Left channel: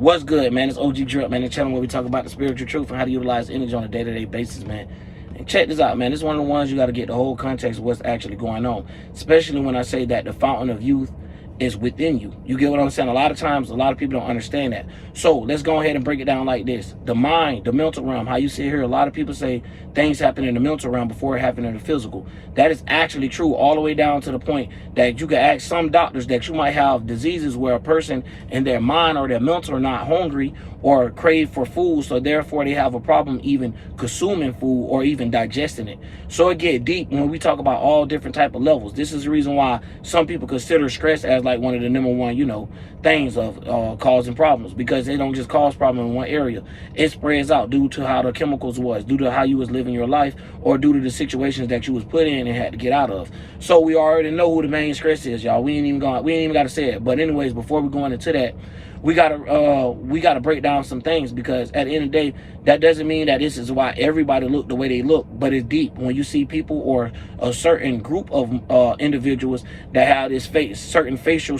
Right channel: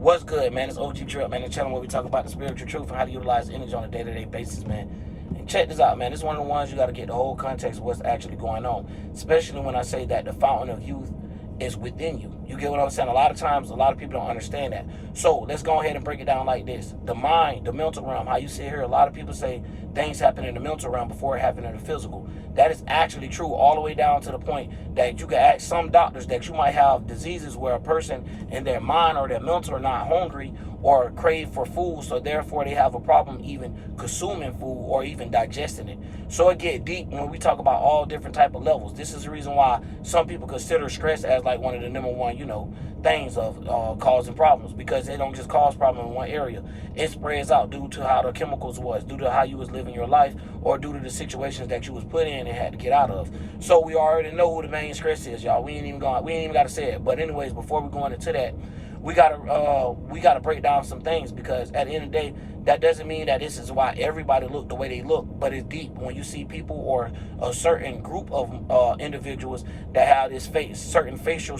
What's good, man? It's OG Drip, man. The channel where we talk about the spiritual truth and how to utilize energy on a day-to-day basis, man. And check this out, man. This is one of the ones you got to get the whole context of what's actually going on, especially when I say that the fountain of youth is within you. You get what I'm saying? A lot of times, a lot of people don't understand that. So let's go ahead and break it down like this. The mind, the mental realm, how you sit here, a lot of people say things happen in the mental realm before it happened in the physical. That is actually true all the way down to the point that you can ask some doctors that you might have diseases where a person in their mind or their mental are not hungry or crave for food, so therefore they have a problem even consuming food or even digesting it. So it get deep when we talk about all different type of levels. This is the reason why some people consider stress as like one of the #1, things of causing problems, because they don't just cause problems in one area. It spreads out due to how the chemicals was, due to how you was living your life, or due to the situations that you was put in and had to get out of. So we already know who the main stress is, y'all. We ain't even got to say it. But anyways, before we go into that, we gotta break down some things, because at the end of the day, that doesn't mean that this is why everybody look the way they look, but it's deep when you see people or a certain group of individuals that have this certain facial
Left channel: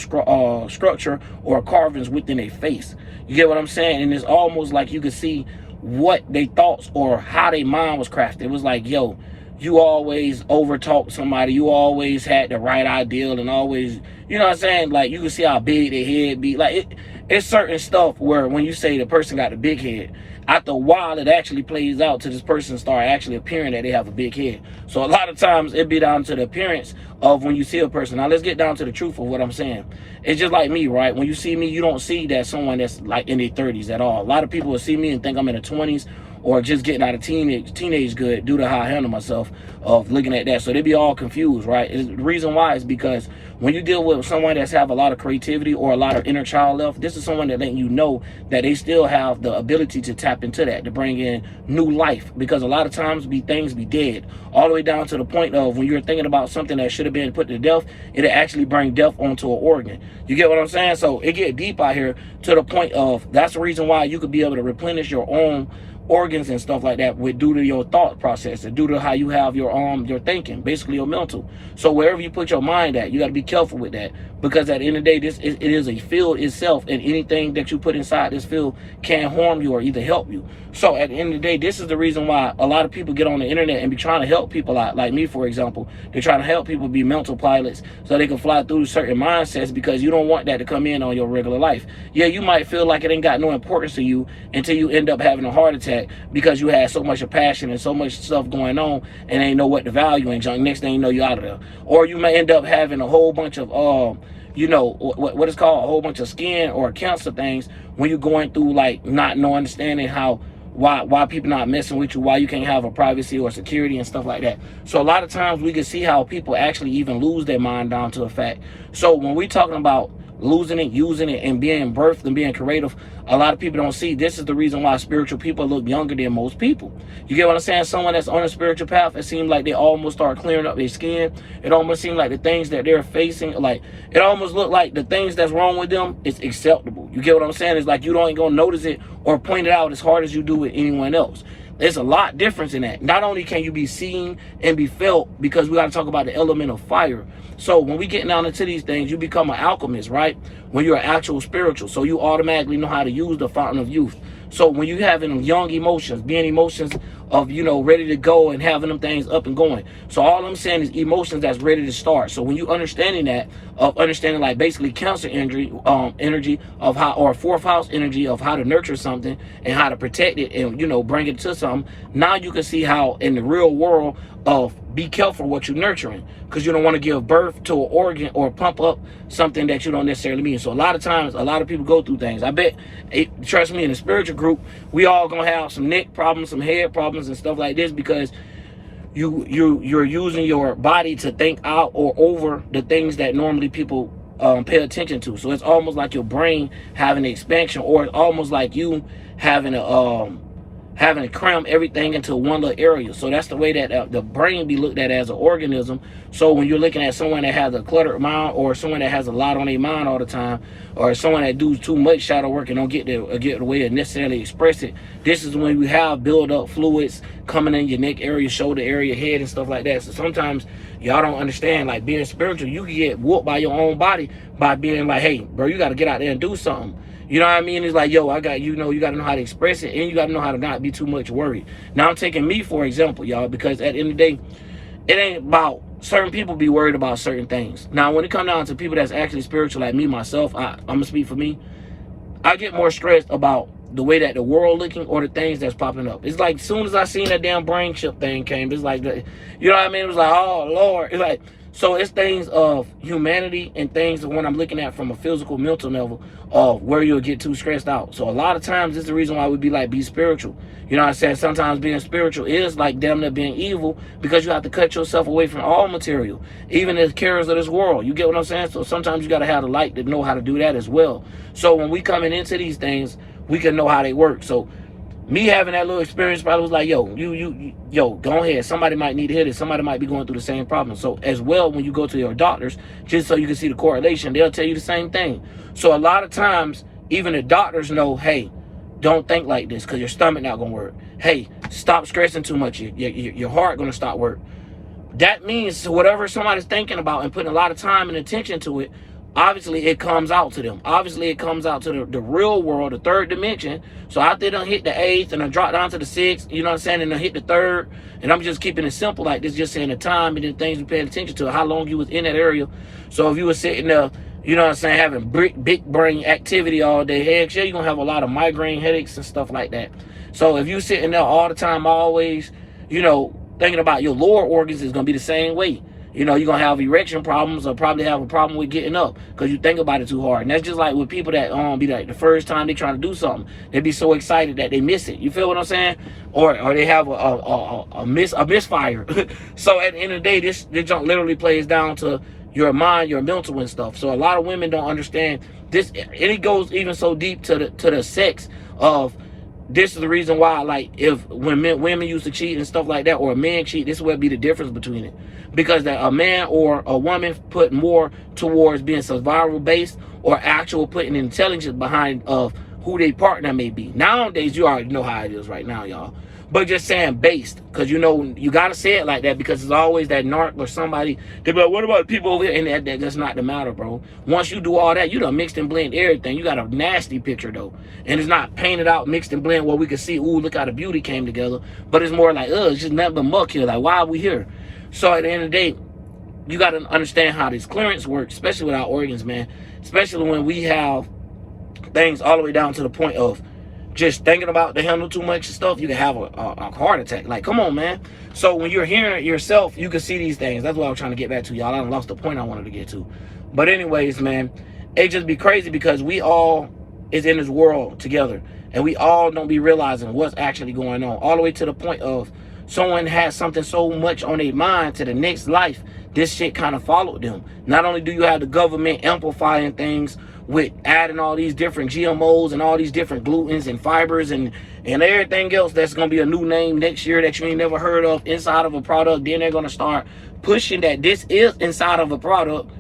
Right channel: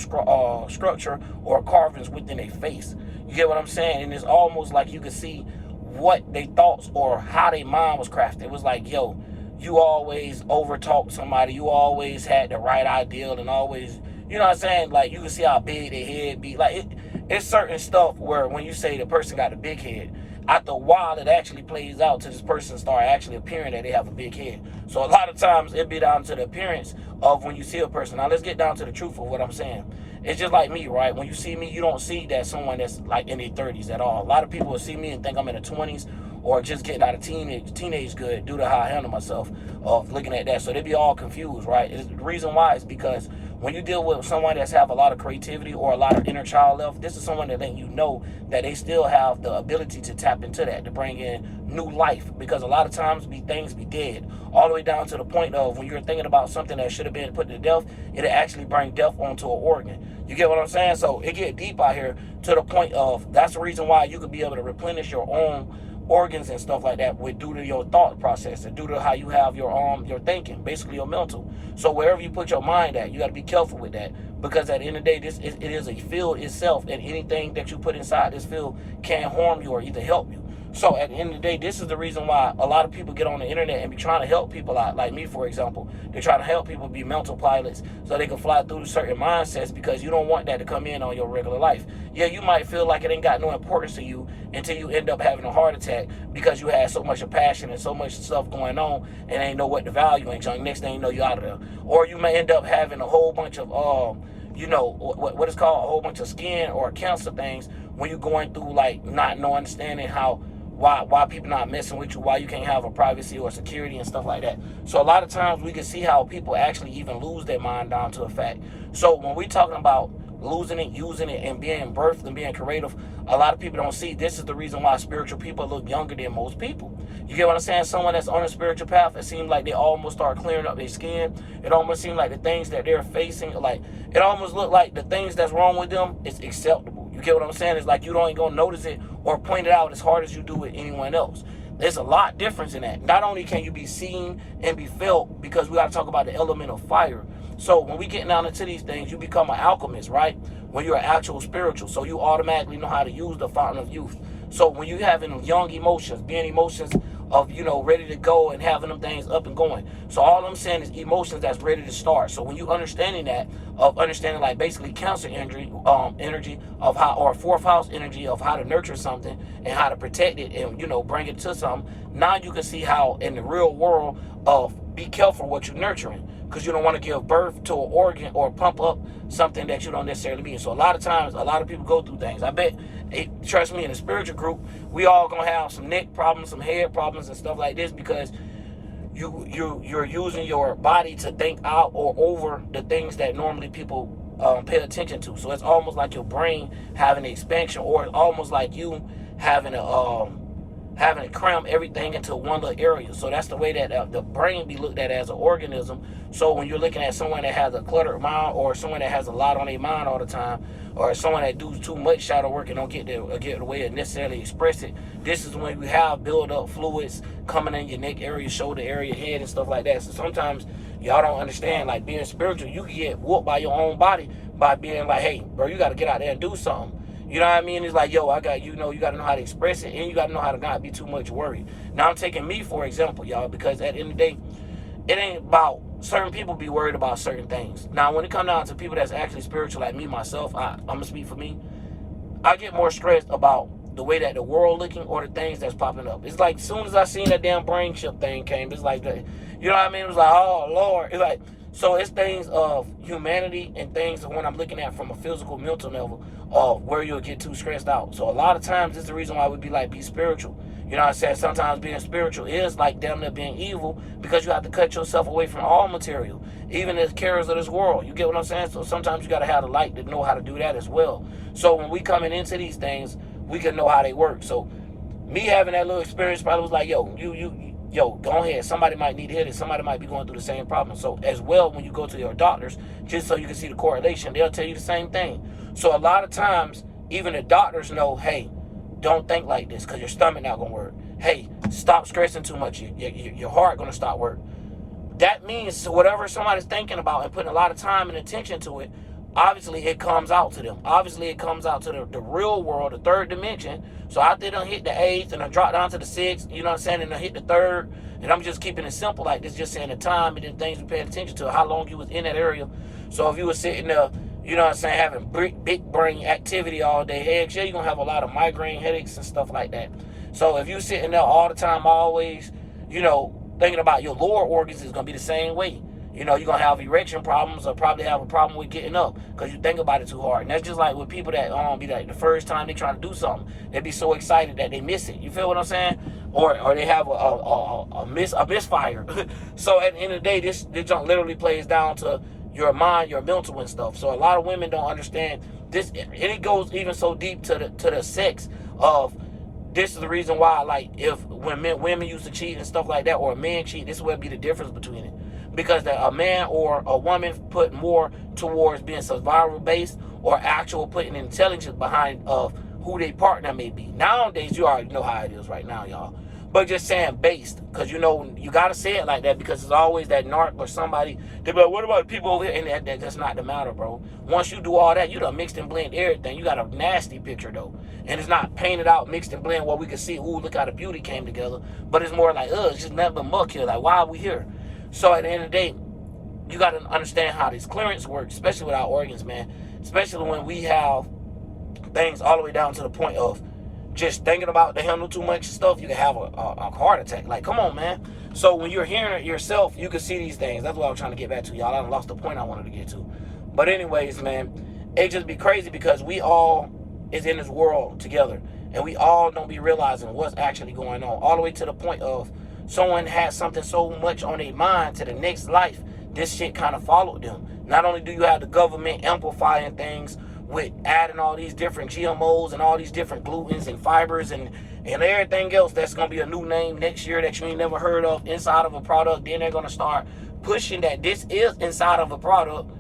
structure or carvings within their face. You get what I'm saying? And it's almost like you can see what they thoughts or how their mind was crafted. It was like, yo, you always overtalked somebody, you always had the right ideal, and always, you know what I'm saying? Like, you can see how big their head be. Like, it's certain stuff where when you say the person got a big head, after a while it actually plays out to this person start actually appearing that they have a big head. So a lot of times it be down to the appearance of when you see a person. Now let's get down to the truth of what I'm saying. It's just like me, right? When you see me, you don't see that someone that's like in their 30s at all. A lot of people will see me and think I'm in the 20s or just getting out of teenage good due to how I handle myself of looking at that. So they be all confused, right? The reason why is because when you deal with someone that's have a lot of creativity or a lot of inner child left, this is someone that letting you know that they still have the ability to tap into that, to bring in new life. Because a lot of times things be dead, all the way down to the point of when you're thinking about something that should have been put to death, it'll actually bring death onto an organ. You get what I'm saying? So it get deep out here to the point of, that's the reason why you could be able to replenish your own organs and stuff like that due to your thought process and due to how you have your thinking, basically your mental. So wherever you put your mind at, you got to be careful with that, because at the end of the day, it is a field itself, and anything that you put inside this field can harm you or either help you. So at the end of the day, this is the reason why a lot of people get on the internet and be trying to help people out. Like me, for example, they're trying to help people be mental pilots so they can fly through certain mindsets, because you don't want that to come in on your regular life. Yeah, you might feel like it ain't got no importance to you until you end up having a heart attack because you had so much of passion and so much stuff going on and ain't know what the value ain't. Next thing you know, you're out of there. Or you may end up having a whole bunch of what is called a whole bunch of skin or cancer things when you're going through, like, not understanding why people not messing with you, why you can't have a privacy or security and stuff like that. So a lot of times we can see how people actually even lose their mind down to a fact. So when we're talking about losing it, using it, and being birthed and being creative, a lot of people don't see this is the reason why spiritual people look younger than most people. You get what I'm saying? Someone that's on a spiritual path, it seems like they almost start clearing up their skin. It almost seems like the things that they're facing, like, it almost look like the things that's wrong with them is acceptable. You get what I'm saying? It's like you don't gonna notice it or point it out as hard as you do with anyone else. There's a lot difference in that. Not only can you be seen and be felt, because we got to talk about the element of fire. So when we get down into these things, you become an alchemist, right? When you're an actual spiritual. So you automatically know how to use the fountain of youth. So when you having young emotions, being emotions of, ready to go and having them things up and going. So all I'm saying is emotions that's ready to start. So when you understanding that, of understanding like basically Cancer energy of how, or fourth house energy of how to nurture something and how to protect it and, bring it to something, now you can see how in the real world of be careful what you're nurturing, because you don't want to give birth to an organ or pump up something that you don't necessarily mean. So a lot of times, a lot of people go through things. I bet, trust me, in the spiritual group, we all gonna have some neck problems, some head problems and stuff like this, because you're using your body to think out or over the things that normally people pay attention to. So it's almost like your brain having an expansion, or it's almost like you having to cram everything into one little area. So that's the way that the brain be looked at as an organism. So when you're looking at someone that has a cluttered mind, or someone that has a lot on their mind all the time, or someone that does too much shadow work and don't get the way to necessarily express it, this is when you have build up fluids coming in your neck area, shoulder area, head and stuff like that. So sometimes y'all don't understand, like, being spiritual, you can get whooped by your own body by being like, hey, bro, you got to get out there and do something. You know what I mean? It's like, yo, I got, you know, you got to know how to express it, and you got to know how to not be too much worried. Now, I'm taking me for example, y'all, because at the end of the day, it ain't about certain people be worried about certain things. Now, when it comes down to people that's actually spiritual, like me, myself, I'm going to speak for me. I get more stressed about the way that the world looking or the things that's popping up. It's like, as soon as I seen that damn brain chip thing came, it's like, you know what I mean? It was like, oh, Lord. It's like, so it's things of humanity and things of when I'm looking at from a physical, mental level of where you'll get too stressed out. So a lot of times, this is the reason why we be like, be spiritual. You know what I said? Sometimes being spiritual is like damn near being evil, because you have to cut yourself away from all material, even the cares of this world. You get what I'm saying? So sometimes you got to have the light to know how to do that as well. So when we coming into these things, we can know how they work. So me having that little experience probably was like, yo, yo, go ahead. Somebody might need to hear this. Somebody might be going through the same problem. So as well, when you go to your doctors, just so you can see the correlation, they'll tell you the same thing. So a lot of times, even the doctors know, hey, don't think like this because your stomach not going to work. Hey, stop stressing too much. Your heart going to stop work. That means whatever somebody's thinking about and putting a lot of time and attention to it, obviously it comes out to them. Obviously it comes out to the real world, the third dimension. So after they done hit the 8th and I drop down to the 6th, you know what I'm saying, and I hit the 3rd, and I'm just keeping it simple like this, just saying the time and then things we paying attention to, how long you was in that area. So if you were sitting there, you know what I'm saying, having big brain activity all day, heck, yeah, you're going to have a lot of migraine headaches and stuff like that. So if you're sitting there all the time, always, you know, thinking about your lower organs, is going to be the same way. You know, you're going to have erection problems or probably have a problem with getting up because you think about it too hard. And that's just like with people that be like the first time they try to do something, they be so excited that they miss it. You feel what I'm saying? Or they have a misfire. So at the end of the day, this junk literally plays down to your mind, your mental and stuff. So a lot of women don't understand this. And it goes even so deep to the sex of, this is the reason why, like, if when women used to cheat and stuff like that, or a man cheat, this would be the difference between it. Because that a man or a woman put more towards being survival based or actual putting intelligence behind of who their partner may be. Nowadays, you already know how it is right now, y'all. But just saying based, because you know, you got to say it like that, because it's always that narc or somebody. They be like, what about people over here? And that's not the matter, bro. Once you do all that, you done mixed and blend everything. You got a nasty picture, though. And it's not painted out, mixed and blend where we can see, ooh, look how the beauty came together. But it's more like, it's just nothing but muck here. Like, why are we here? So at the end of the day, you got to understand how this clearance works, especially with our organs, man. Especially when we have things all the way down to the point of just thinking about the handle too much stuff, you can have a heart attack. Like, come on, man. So when you're hearing it yourself, you can see these things. That's what I was trying to get back to, y'all. I lost the point I wanted to get to. But anyways, man, it just be crazy because we all is in this world together, and we all don't be realizing what's actually going on, all the way to the point of someone has something so much on their mind to the next life, this shit kind of followed them. Not only do you have the government amplifying things with adding all these different GMOs and all these different glutens and fibers and everything else that's going to be a new name next year that you ain't never heard of inside of a product. Then they're going to start pushing that this is inside of a product.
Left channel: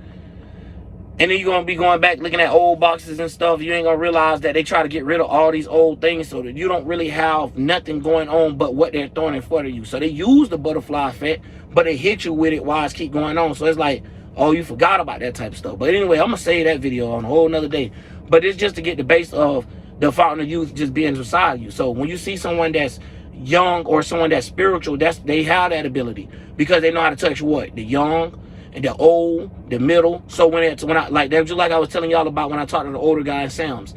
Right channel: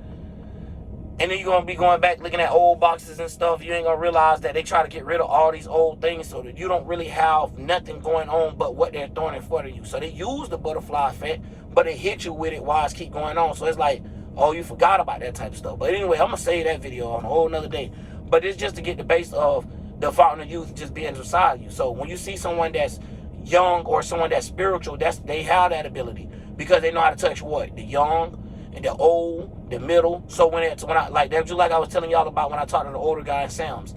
And then you're going to be going back looking at old boxes and stuff. You ain't going to realize that they try to get rid of all these old things so that you don't really have nothing going on but what they're throwing in front of you. So they use the butterfly effect, but they hit you with it while it's keep going on. So it's like, oh, you forgot about that type of stuff. But anyway, I'm going to save that video on a whole nother day. But it's just to get the base of the fountain of youth just being inside you. So when you see someone that's young or someone that's spiritual, they have that ability because they know how to touch what? The young, and the old, the middle. So when I like that, just like I was telling y'all about when I talked to the older guy in Sam's,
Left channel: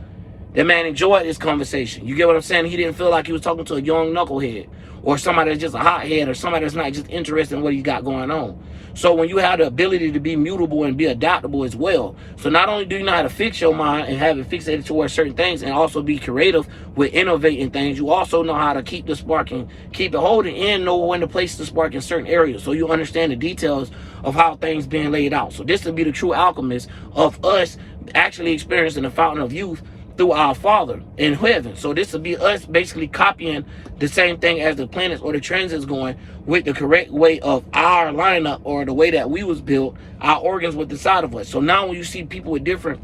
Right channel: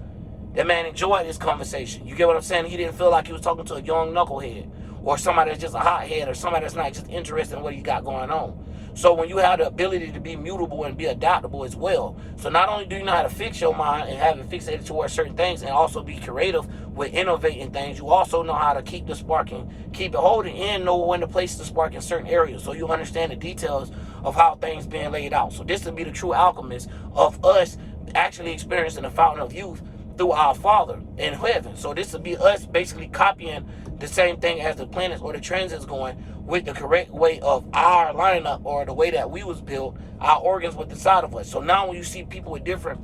that man enjoyed this conversation. You get what I'm saying? He didn't feel like he was talking to a young knucklehead or somebody that's just a hothead or somebody that's not just interested in what he got going on. So when you have the ability to be mutable and be adaptable as well, so not only do you know how to fix your mind and have it fixated towards certain things and also be creative with innovating things, you also know how to keep the spark and keep it holding and know when to place the spark in certain areas. So you understand the details of how things being laid out. So this would be the true alchemist of us actually experiencing the fountain of youth through our Father in heaven. So this would be us basically copying the same thing as the planets or the transits going with the correct way of our lineup or the way that we was built, our organs with inside of us. So now when you see people with different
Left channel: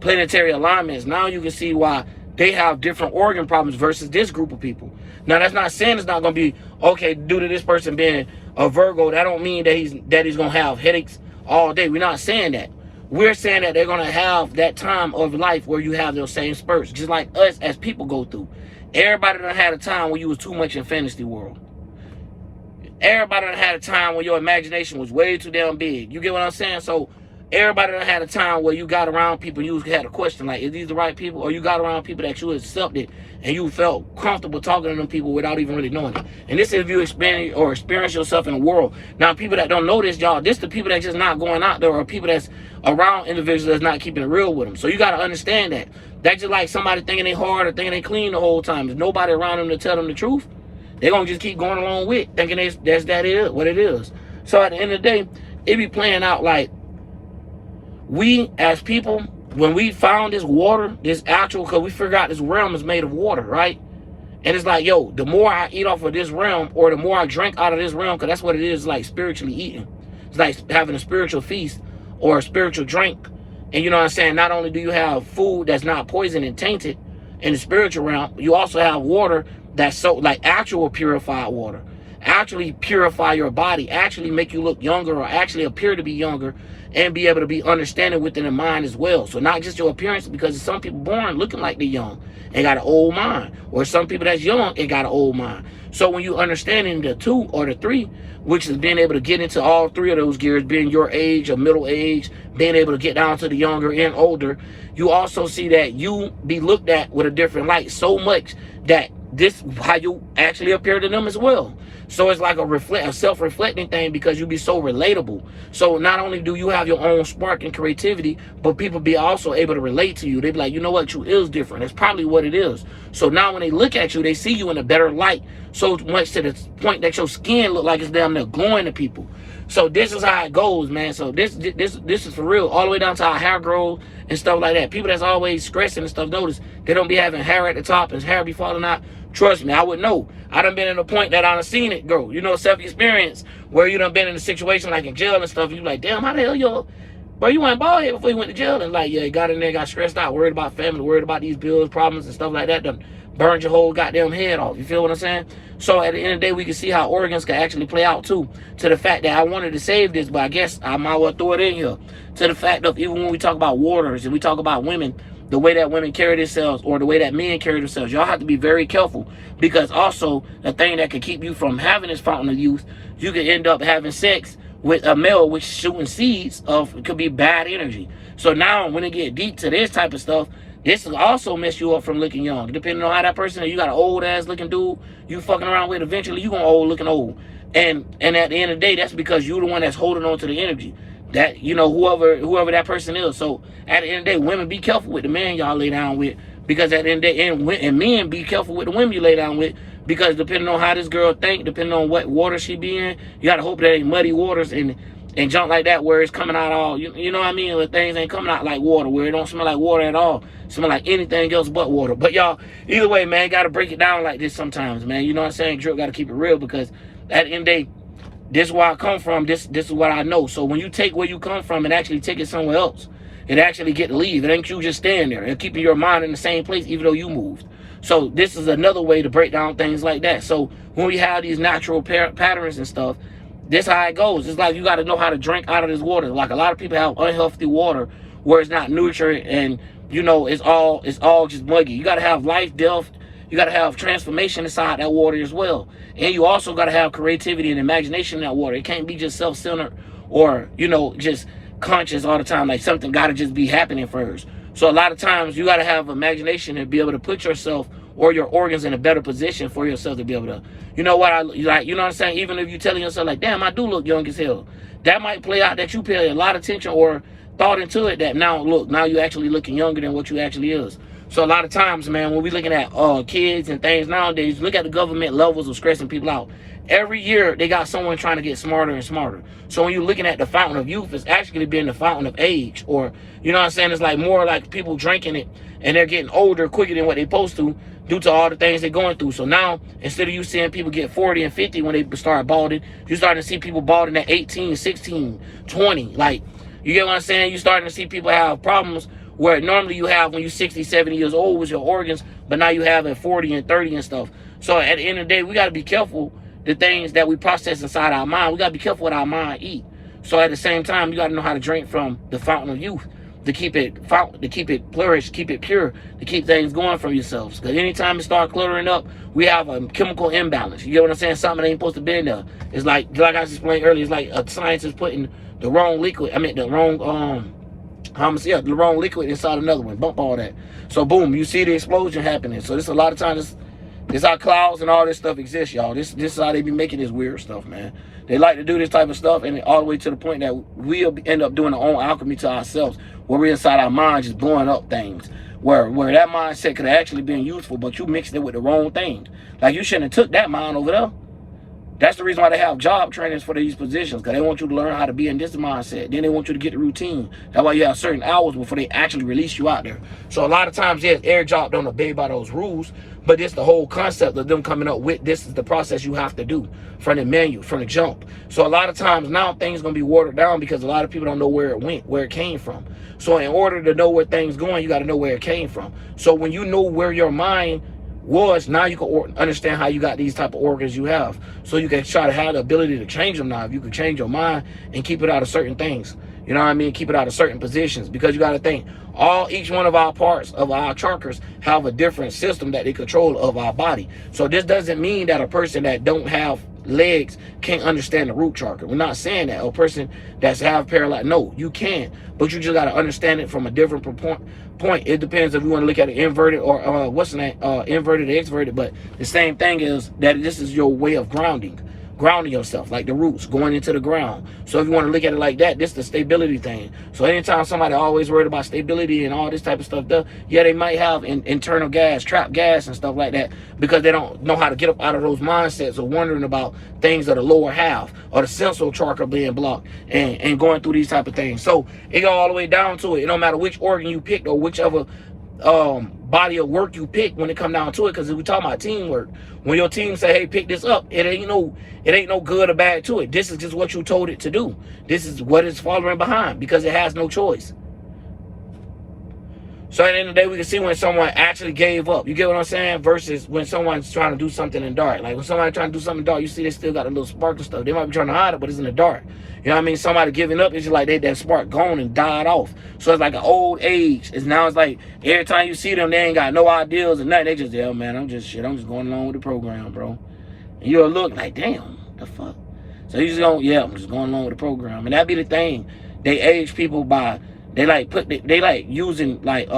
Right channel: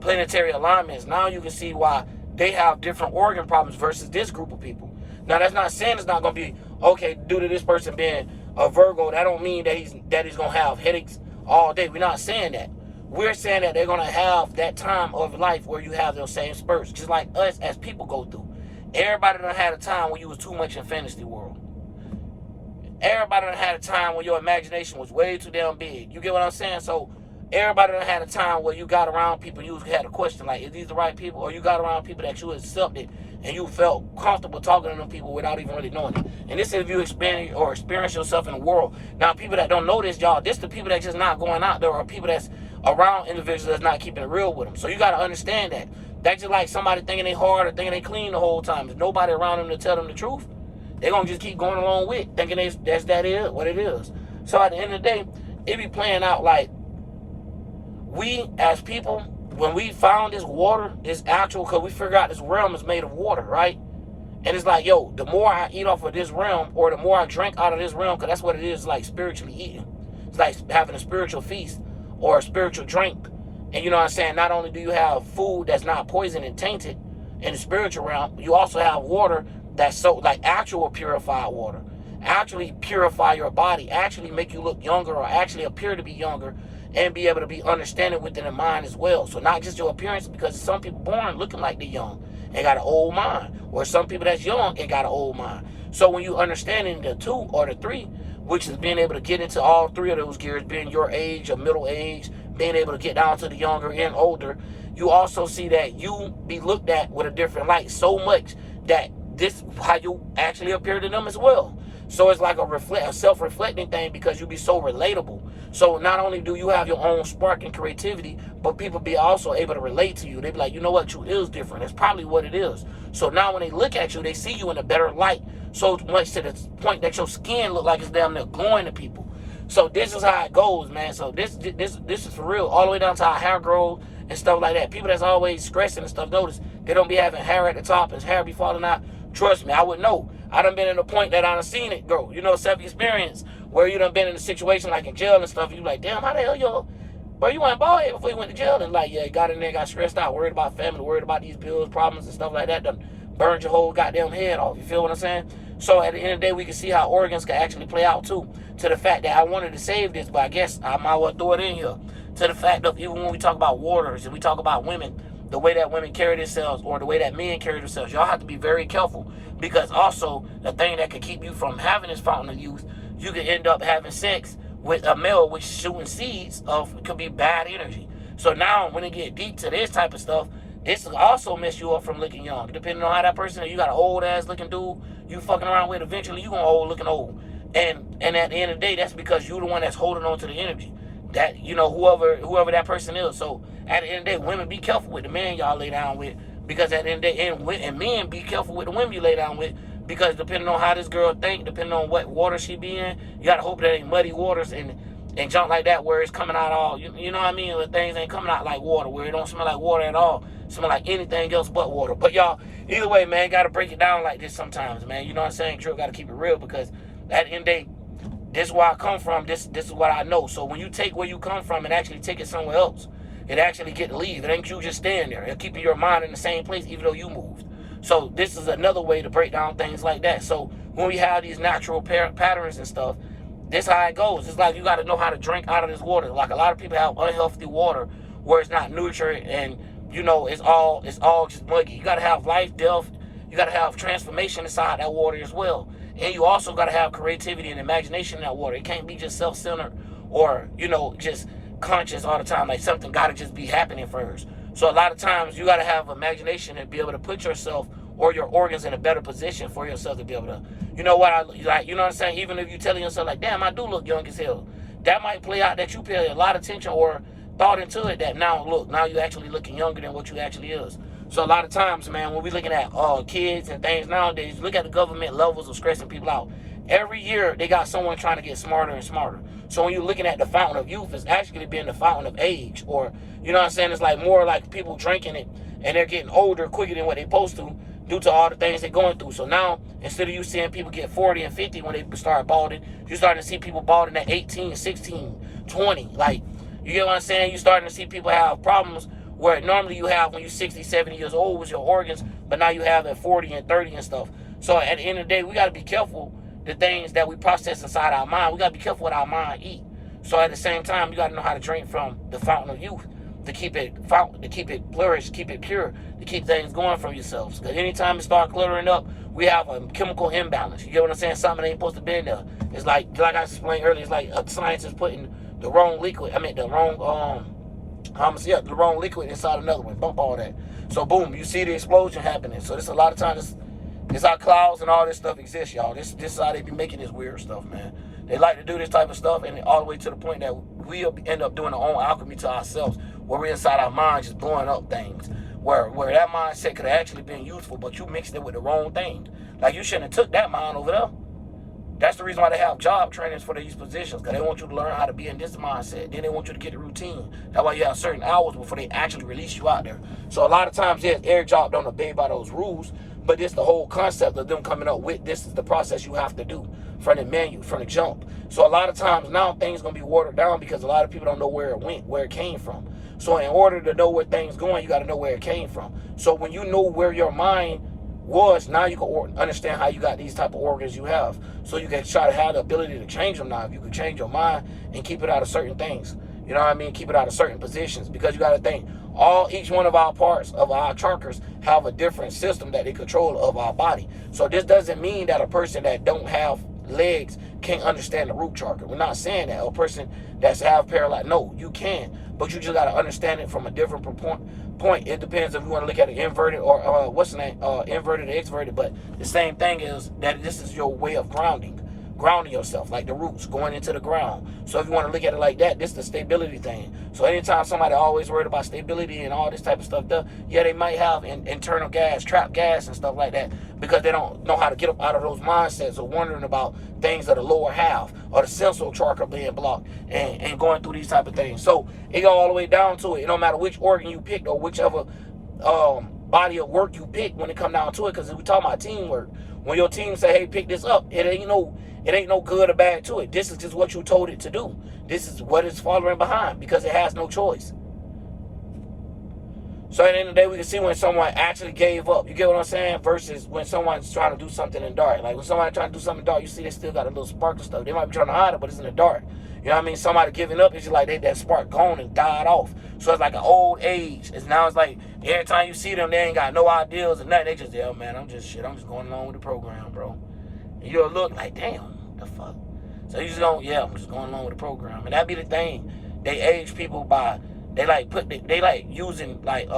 planetary alignments, now you can see why they have different organ problems versus this group of people. Now that's not saying it's not going to be, okay, due to this person being a Virgo, that don't mean that he's going to have headaches all day. We're not saying that. we're saying that they're going to have that time of life where you have those same spurts, just like us as people go through. Everybody done had a time when you was too much in fantasy world. Everybody done had a time where your imagination was way too damn big. You get what I'm saying? So everybody done had a time where you got around people, you had a question like, is these the right people? Or you got around people that you accepted and you felt comfortable talking to them people without even really knowing it. And this is if you experience yourself in the world. Now, people that don't know this, y'all, this the people that just not going out there, or people that's around individuals that's not keeping it real with them. So you got to understand that. That's just like somebody thinking they hard or thinking they clean the whole time. There's nobody around them to tell them the truth. They're going to just keep going along with thinking that is what it is. So at the end of the day, it be playing out like we as people, when we found this water, this actual, because we figured out this realm is made of water, right? And it's like, yo, the more I eat off of this realm, or the more I drink out of this realm, because that's what it is, like spiritually eating. It's like having a spiritual feast or a spiritual drink. And you know what I'm saying? Not only do you have food that's not poisoned and tainted in the spiritual realm, you also have water that's so, like actual purified water. Actually purify your body, actually make you look younger, or actually appear to be younger, and be able to be understanding within the mind as well. So not just your appearance, because some people born looking like they're young and got an old mind, or some people that's young and got an old mind. So when you understanding the 2 or the 3, which is being able to get into all 3 of those gears, being your age or middle age, being able to get down to the younger and older, you also see that you be looked at with a different light so much that this how you actually appear to them as well. So it's like a self-reflecting thing, because you be so relatable. So not only do you have your own spark and creativity, but people be also able to relate to you. They be like, you know what, you is different. That's probably what it is. So now when they look at you, they see you in a better light, so much to the point that your skin look like it's damn near glowing to people. So this is how it goes, man. So this is for real, all the way down to our hair grows and stuff like that. People that's always stressing and stuff, notice they don't be having hair at the top and hair be falling out. Trust me, I would know. I done been in a point that I done seen it go. You know, self-experience, where you done been in a situation like in jail and stuff. You like, damn, how the hell you went bald head before you went to jail? And like, yeah, you got in there, got stressed out, worried about family, worried about these bills, problems and stuff like that. Done burned your whole goddamn head off. You feel what I'm saying? So at the end of the day, we can see how organs can actually play out too. To the fact that I wanted to save this, but I guess I might well throw it in here. To the fact of, even when we talk about waters and we talk about women, the way that women carry themselves, or the way that men carry themselves, y'all have to be very careful, because also the thing that could keep you from having this fountain of youth, you could end up having sex with a male which shooting seeds of, it could be bad energy. So now when it get deep to this type of stuff, this will also mess you up from looking young. Depending on how that person, you got an old ass looking dude you fucking around with, eventually you gonna old looking old. And at the end of the day, that's because you're the one that's holding on to the energy. That, you know, whoever that person is. So at the end of the day, women, be careful with the man y'all lay down with, because at the end of the day, and men, be careful with the women you lay down with, because depending on how this girl think, depending on what water she be in, you gotta hope that ain't muddy waters and junk like that, where it's coming out all, you know what I mean, where things ain't coming out like water, where it don't smell like water at all, smell like anything else but water. But y'all, either way, man, gotta break it down like this sometimes, man. You know what I'm saying? Drip, gotta keep it real, because at the end of the day, this is where I come from. This is what I know. So when you take where you come from and actually take it somewhere else, it actually get to leave. It ain't you just staying there and keeping your mind in the same place even though you moved. So this is another way to break down things like that. So when we have these natural patterns and stuff, this how it goes. It's like you got to know how to drink out of this water. Like a lot of people have unhealthy water where it's not nutrient, and you know it's all just muggy. You got to have life, death. You got to have transformation inside that water as well. And you also got to have creativity and imagination in that water. It can't be just self-centered or, you know, just conscious all the time. Like something got to just be happening first. So a lot of times you got to have imagination and be able to put yourself or your organs in a better position for yourself to be able to, you know what, you know what I'm saying? Even if you're telling yourself like, damn, I do look young as hell. That might play out that you pay a lot of attention or thought into it, that now you actually looking younger than what you actually is. So a lot of times, man, when we looking at kids and things nowadays, look at the government levels of stressing people out. Every year, they got someone trying to get smarter and smarter. So when you're looking at the fountain of youth, it's actually being the fountain of age. Or, you know what I'm saying? It's like more like people drinking it, and they're getting older quicker than what they're supposed to due to all the things they're going through. So now, instead of you seeing people get 40 and 50 when they start balding, you're starting to see people balding at 18, 16, 20. Like, you get what I'm saying? You're starting to see people have problems where normally you have when you're 60, 70 years old with your organs, but now you have at 40 and 30 and stuff. So at the end of the day, we got to be careful the things that we process inside our mind. We got to be careful what our mind eat. So at the same time, you got to know how to drink from the fountain of youth to keep it flourish, keep it pure, to keep things going for yourselves. Because anytime it start cluttering up, we have a chemical imbalance. You get what I'm saying? Something that ain't supposed to be in there. It's like I explained earlier, it's like a scientist putting the wrong liquid, the wrong liquid inside another one. Bump all that. So boom, you see the explosion happening. So this a lot of times, this how clouds and all this stuff exists, y'all. This is how they be making this weird stuff, man. They like to do this type of stuff, and all the way to the point that we'll end up doing our own alchemy to ourselves, where we're inside our mind just blowing up things, where that mindset could have actually been useful, but you mixed it with the wrong thing. Like, you shouldn't have took that mind over there. That's the reason why they have job trainings for these positions, because they want you to learn how to be in this mindset. Then they want you to get the routine. That's why you have certain hours before they actually release you out there. So a lot of times, yes, every job don't obey by those rules, but it's the whole concept of them coming up with, this is the process you have to do from the menu, from the jump. So a lot of times now things going to be watered down because a lot of people don't know where it went, where it came from. So in order to know where things going, you got to know where it came from. So when you know where your mind was, now you can understand how you got these type of organs you have. So you can try to have the ability to change them now. If you can change your mind and keep it out of certain things, you know what I mean? Keep it out of certain positions, because you got to think, each one of our parts of our chakras have a different system that they control of our body. So this doesn't mean that a person that don't have legs can't understand the root chakra. We're not saying that. A person that's have paralysis, no, you can, but you just got to understand it from a different point. It depends if you want to look at it inverted or inverted or exverted, but the same thing is that this is your way of grounding yourself, like the roots going into the ground. So if you want to look at it like that, this is the stability thing. So anytime somebody always worried about stability and all this type of stuff, yeah, they might have internal gas, trapped gas and stuff like that, because they don't know how to get up out of those mindsets of wondering about things of the lower half or the central chakra being blocked and going through these type of things. So it go all the way down to it. It don't matter which organ you picked or whichever body of work you pick when it come down to it, because if we talk about teamwork, when your team say, hey, pick this up, it ain't no good or bad to it. This is just what you told it to do. This is what it's following behind, because it has no choice. So at the end of the day, we can see when someone actually gave up. You get what I'm saying? Versus when someone's trying to do something in the dark. Like when somebody's trying to do something in the dark, you see they still got a little sparkle stuff. They might be trying to hide it, but it's in the dark. You know what I mean? Somebody giving up, it's just like that spark gone and died off. So it's like an old age. It's like every time you see them, they ain't got no ideals and nothing. They just, yeah, man, I'm just going along with the program, bro. And you'll look like, damn, the fuck? So you just don't, yeah, I'm just going along with the program. And that be the thing. They age people by, they like using like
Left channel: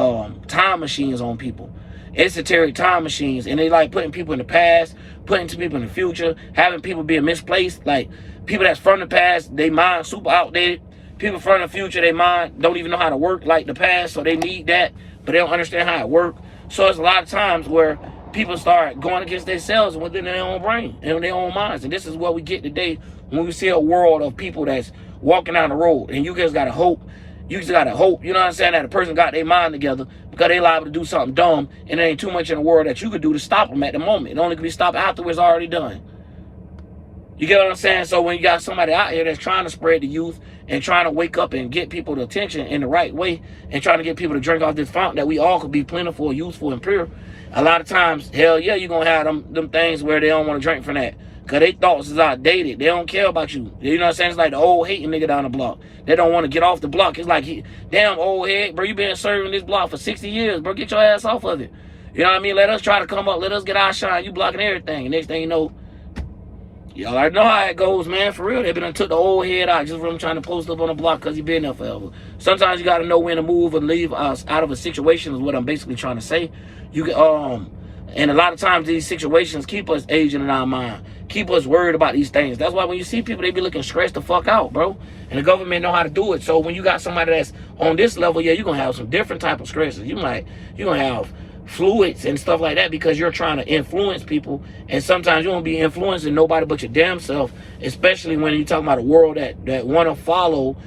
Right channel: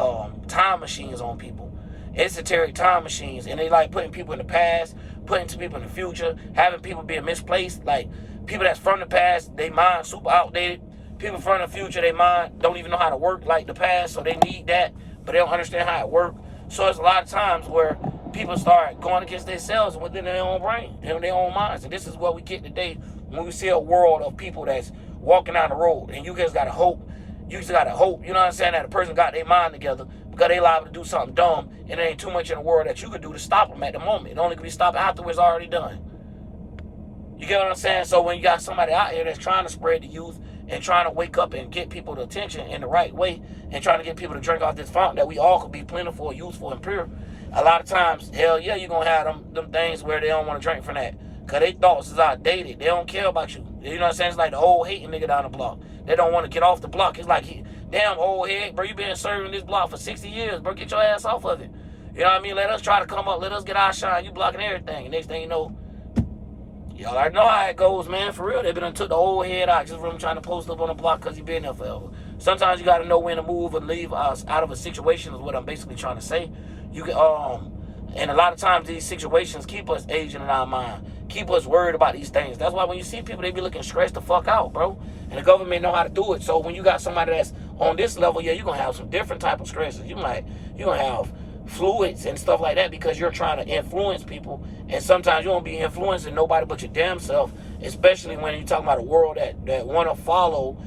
time machines on people. Esoteric time machines. And they like putting people in the past, putting people in the future, having people being misplaced. Like people that's from the past, they mind super outdated. People from the future, they mind don't even know how to work like the past, so they need that, but they don't understand how it works. So it's a lot of times where people start going against themselves within their own brain and their own minds. And this is what we get today when we see a world of people that's walking down the road. And you just gotta hope. You just gotta hope, you know what I'm saying, that a person got their mind together, because they liable to do something dumb, and there ain't too much in the world that you could do to stop them at the moment. It only could be stopped after it's already done. You get what I'm saying? So when you got somebody out here that's trying to spread the youth and trying to wake up and get people attention in the right way and trying to get people to drink off this fountain that we all could be plentiful, useful, and pure, a lot of times, hell yeah, you're going to have them things where they don't want to drink from that. Because their thoughts is outdated. They don't care about you. You know what I'm saying? It's like the old hating nigga down the block. They don't want to get off the block. It's like, damn, old head, bro, you been serving this block for 60 years, bro. Get your ass off of it. You know what I mean? Let us try to come up. Let us get our shine. You blocking everything. And next thing you know, y'all already know how it goes, man. For real, they been took the old head out just from trying to post up on the block because he been there forever. Sometimes you got to know when to move and leave us out of a situation is what I'm basically trying to say. And a lot of times these situations keep us aging in our mind, keep us worried about these things. That's why when you see people, they be looking stressed the fuck out, bro. And the government know how to do it. So when you got somebody that's on this level, yeah, you're going to have some different type of stresses. You're going to have fluids and stuff like that because you're trying to influence people. And sometimes you won't be influencing nobody but your damn self, especially when you're talking about a world that want to follow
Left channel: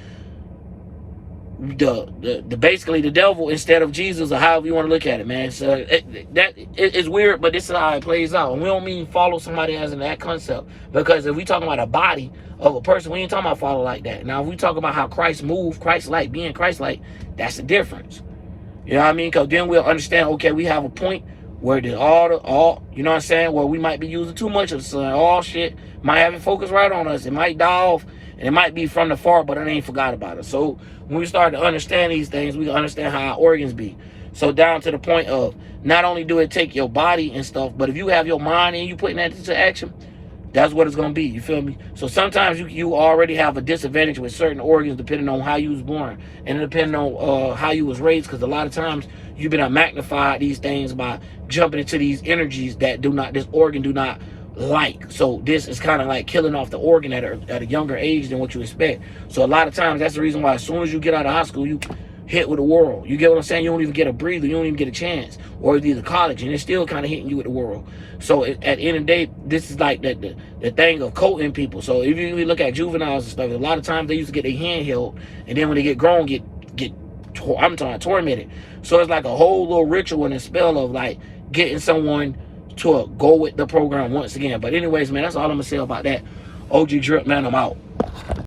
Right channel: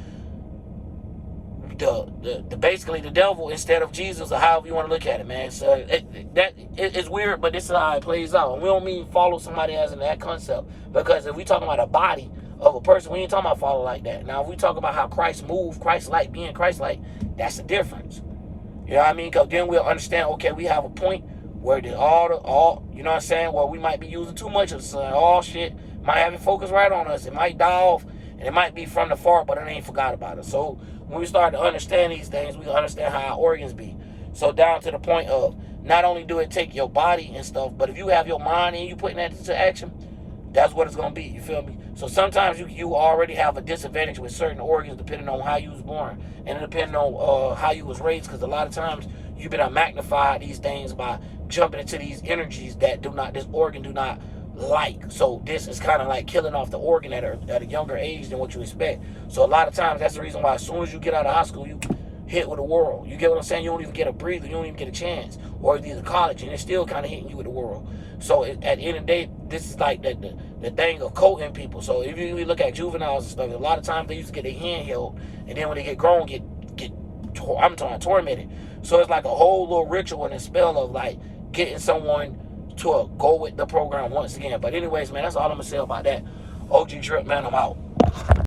basically the devil instead of Jesus, or however you want to look at it, man. So it's weird, but this is how it plays out. And we don't mean follow somebody as in that concept, because if we talking about a body of a person, we ain't talking about follow like that. Now, if we talk about how Christ moved, Christ-like, being Christ-like, that's the difference. You know what I mean? Because then we'll understand, okay, we have a point where all you know what I'm saying, where we might be using too much of the sun, all shit might have it focused right on us. It might die off. And it might be from the far, but it ain't forgot about it. So when we start to understand these things, we can understand how our organs be. So down to the point of not only do it take your body and stuff, but if you have your mind and you putting that into action, that's what it's going to be. You feel me? So sometimes you already have a disadvantage with certain organs depending on how you was born and depending on how you was raised, because a lot of times you've been magnified these things by jumping into these energies that this organ do not like. So this is kind of like killing off the organ at a younger age than what you expect. So a lot of times that's the reason why as soon as you get out of high school, you hit with the world. You get what I'm saying? You don't even get a breather. You don't even get a chance. Or it's either college, and it's still kind of hitting you with the world. So at the end of the day, this is like the thing of coating people. So if you look at juveniles and stuff, a lot of times they used to get their hand held, and then when they get grown, I'm talking tormented. So it's like a whole little ritual and a spell of like getting someone to go with the program once again. But anyways, man, that's all I'm gonna say about that. OG Drip, man, I'm out.